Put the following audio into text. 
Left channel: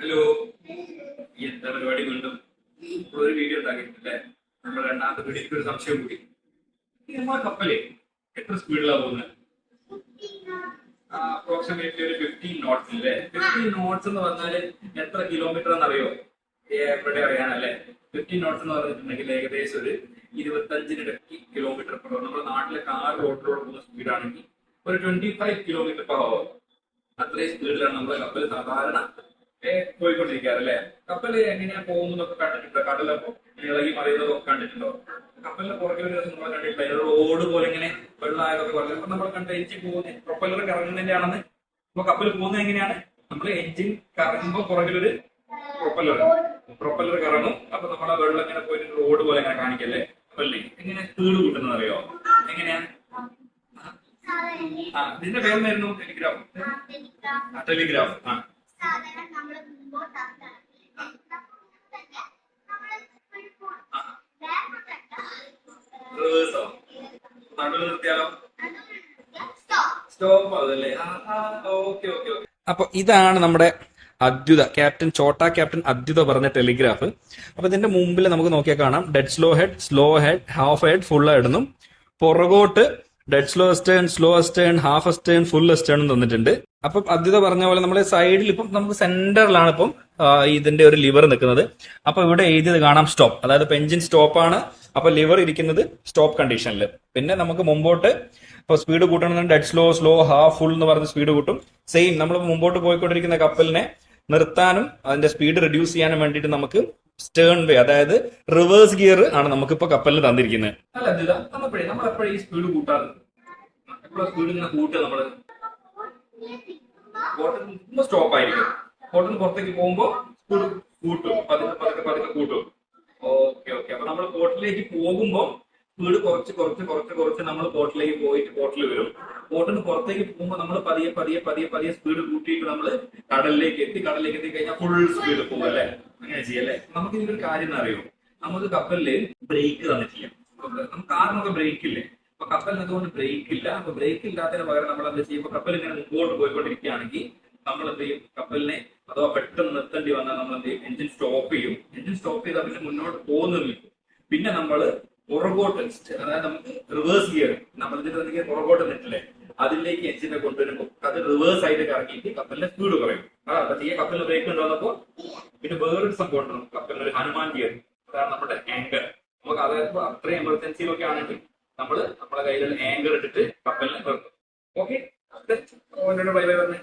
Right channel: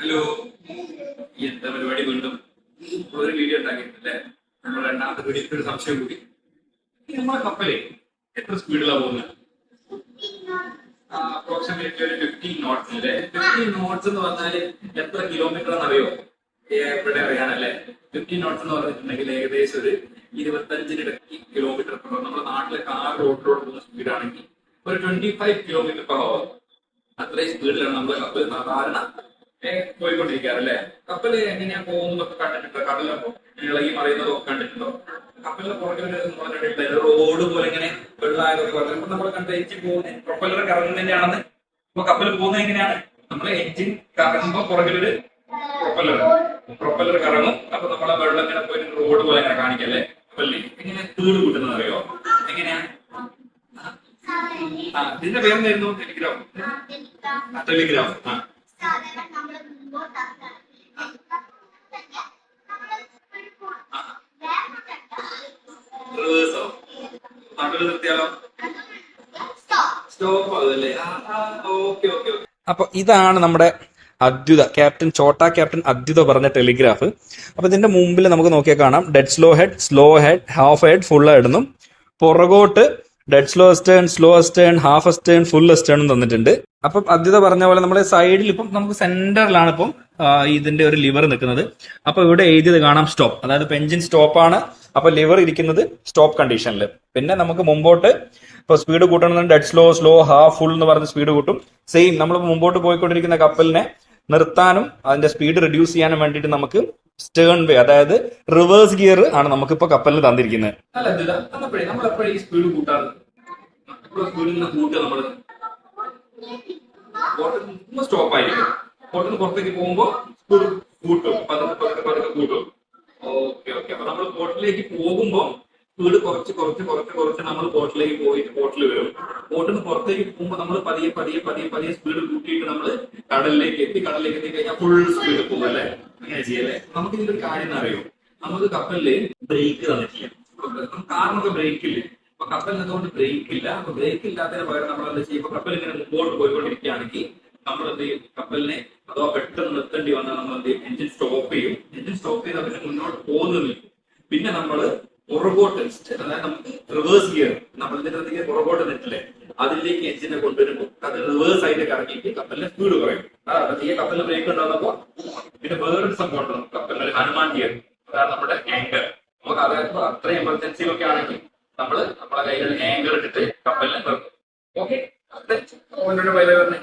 Hello. എന്താ പരിപാടി വീണ്ടും? ഒരു വീഡിയോ ഉണ്ടാക്കിയിട്ടില്ലേ? നമ്മൾ രണ്ടാമത്തെ വീഡിയോക്ക് ഒരു സംശയം കൂടി. നമ്മളെ കപ്പലേ എത്ര സ്പീഡിലാണ് പോകുന്നത് അപ്രോക്സിമേറ്റ്ലി ഒരു ഫിഫ്റ്റീൻ നോട്ട്സ് അല്ലേ ഫിഫ്റ്റീൻ നോട്ട്സ് എന്ന് പറഞ്ഞാൽ എത്ര കിലോമീറ്റർ എന്നറിയോ? എവിടെ അറിയാനല്ലേ? ഫിഫ്റ്റീൻ നോട്ട്സ് എന്ന് പറഞ്ഞിട്ടുണ്ടെങ്കിൽ ഏകദേശം ഒരു ഇരുപത്തഞ്ചിനിടയ്ക്ക് കിലോമീറ്റർ പെർ നമ്മുടെ നാട്ടിലെ കാർ റോഡിലൂടെ പോകുന്ന സ്പീഡാണെങ്കിൽ ഒരു ട്വന്റി ഫൈവ് കിലോമീറ്റർ പെർ അത്രയും സ്പീഡിലാണ് നമ്മുടെ കപ്പൽ സാധാരണ. ഏ, പോയിക്കൊണ്ടിരിക്കാറ് അല്ലേ കപ്പൽ എങ്ങനെയാ പോകുന്നതൊക്കെ കണ്ടിട്ടുണ്ടോ? കടലപ്പോ ഇളകി മറിയുന്നതൊക്കെ കണ്ടിട്ടുണ്ടോ? കപ്പലിന്റെ പുറകെ ഒരു നമ്മൾ കണ്ടിട്ടില്ല. റോഡ് പോലെ ഇങ്ങനെ വെള്ളമായതൊക്കെ പറഞ്ഞു നമ്മൾ കണ്ട എഞ്ചിൻ പോകുന്നത് പ്രൊപ്പല്ലർ കറങ്ങുന്നതിന്റെ ആണെന്ന്. അപ്പൊ കപ്പൽ പോകുന്നത് എങ്ങനെയാണ്? നമ്മൾ എഞ്ചിൻ കറങ്ങുമ്പോ പുറകിലൊരു പ്രൊപ്പല്ലർ പ്രൊപ്പല്ലർ കറങ്ങും. അപ്പൊ നമ്മളെ വെള്ളം ഇങ്ങനെ പോയി റോഡ് പോലെ ഇങ്ങനെ കാണിക്കല്ലേ കപ്പലിൽ എങ്ങനെ തീട് കൂട്ടുന്നത് അറിയോ? എങ്ങനെയാ? ആ ഇതിന്റെ പേരെന്തായിരുന്നു? ടെലിഗ്രാം ടെലിഗ്രാഫ് ടെലിഗ്രാം ആ. ഓക്കെ അപ്പൊ ഇതാണ് നമ്മുടെ അദ്വിത ക്യാപ്റ്റൻ ചോട്ട ക്യാപ്റ്റൻ അദ്വിത പറഞ്ഞ ടെലിഗ്രാഫ്. അപ്പൊ ഇതിന്റെ മുമ്പിൽ നമുക്ക് നോക്കിയാൽ കാണാം. Dead slow head slow head half head full head എന്നും പുറകോട്ട് dead slow astern slow astern half astern full astern തന്നിട്ടുണ്ട്. അപ്പം അദ്വിത പറഞ്ഞ പോലെ നമ്മുടെ സൈഡിൽ ഇപ്പം നമുക്ക് സെന്ററിലാണ് ഇപ്പം ഇതിന്റെ ഒരു ലിവർ നിൽക്കുന്നത്. അപ്പൊ ഇവിടെ എഴുതിയത് കാണാം സ്റ്റോപ്പ് അതായത് ഇപ്പൊ എഞ്ചിൻ സ്റ്റോപ്പ് ആണ്. അപ്പൊ ലിവർ ഇരിക്കുന്നത് സ്റ്റോപ്പ് കണ്ടീഷനിൽ പിന്നെ നമുക്ക് മുമ്പോട്ട് ഇപ്പൊ speed കൂട്ടണമെന്ന് dead slow slow half full എന്ന് പറഞ്ഞ സ്പീഡ് കൂട്ടും. സെയിം നമ്മൾ മുമ്പോട്ട് പോയിക്കൊണ്ടിരിക്കുന്ന കപ്പലിനെ നിർത്താനും അതിന്റെ സ്പീഡ് റെഡ്യൂസ് ചെയ്യാനും വേണ്ടിയിട്ട് നമുക്ക് സ്റ്റേൺ വേ അതായത് റിവേഴ്സ് ഗിയർ ആണ് നമുക്കിപ്പോ കപ്പലിൽ തന്നിരിക്കുന്നത്. സ്റ്റോപ്പ് ആയിരിക്കും. ബോട്ടിൽ പുറത്തേക്ക് പോകുമ്പോ സ്പീഡ് കൂട്ടും. പതുക്കെ പതുക്കെ പതുക്കെ കൂട്ടും. ഓക്കെ ഓക്കെ അപ്പൊ നമ്മൾ ബോട്ടിലേക്ക് പോകുമ്പോ സ്പീഡ് കുറച്ച് കുറച്ച് കുറച്ച് കുറച്ച് നമ്മൾ ബോട്ടിലേക്ക് പോയിട്ട് ബോട്ടിൽ വരും. ബോട്ടിൽ പുറത്തേക്ക് പോകുമ്പോൾ നമ്മൾ പതിയെ പതിയെ പതിയെ പതിയെ സ്പീഡ് കൂട്ടിയിട്ട് നമ്മൾ കടലിലേക്ക് എത്തി കടലിലേക്ക് എത്തി കഴിഞ്ഞാൽ ഫുൾ സ്പീഡ് പോകും അല്ലേ? അങ്ങനെ ചെയ്യല്ലേ? നമുക്ക് കാര്യം അറിയോ? നമുക്ക് കപ്പലിൽ ബ്രേക്ക് തന്നിട്ടില്ല. കാറിനൊക്കെ ബ്രേക്ക് ഇല്ലേ? അപ്പൊ കപ്പൽ നിന്നുകൊണ്ട് ബ്രേക്ക് ഇല്ല. അപ്പൊ ബ്രേക്ക് ഇല്ലാത്തതിന് പകരം നമ്മൾ എന്താ ചെയ്യും? ഇപ്പൊ കപ്പൽ ഇങ്ങനെ മുമ്പോട്ട് പോയിക്കൊണ്ടിരിക്കുകയാണെങ്കിൽ നമ്മൾ എന്ത് ചെയ്യും? കപ്പലിനെ അതോ പെട്ടെന്ന് നിർത്തേണ്ടി വന്നാൽ നമ്മൾ എന്ത് ചെയ്യും? എഞ്ചിൻ സ്റ്റോപ്പ് ചെയ്യും. എഞ്ചിൻ സ്റ്റോപ്പ് ചെയ്താൽ പിന്നെ മുന്നോട്ട് പോകുന്നില്ല. പിന്നെ നമ്മൾ പുറകോട്ട് അതായത് നമുക്ക് റിവേഴ്സ് ഗിയർ നമ്മൾ ഇതിന്റെ പുറകോട്ട് നിട്ടില്ലേ അതിലേക്ക് എഞ്ചിനെ കൊണ്ടുവരുമ്പോൾ അത് റിവേഴ്സ് ആയിട്ട് കറങ്ങിയിട്ട് കപ്പലിന്റെ സ്പീഡ് കുറയും. ഈ കപ്പലിന് ബ്രേക്ക് ഉണ്ടാകുമ്പോൾ പിന്നെ വേറൊരു സംഭവം ഉണ്ട് കപ്പലിന് ഹനുമാൻ ഗിയർ. അതാണ് നമ്മുടെ ആങ്കർ നമുക്ക് അതായത് അത്രയും ഒക്കെ ആണെങ്കിൽ നമ്മൾ നമ്മുടെ കയ്യിലുള്ള ആങ്കർ ഇട്ടിട്ട് കപ്പലിനെ നിർത്തും. ഓക്കെ ബൈ ബൈ പറഞ്ഞേ.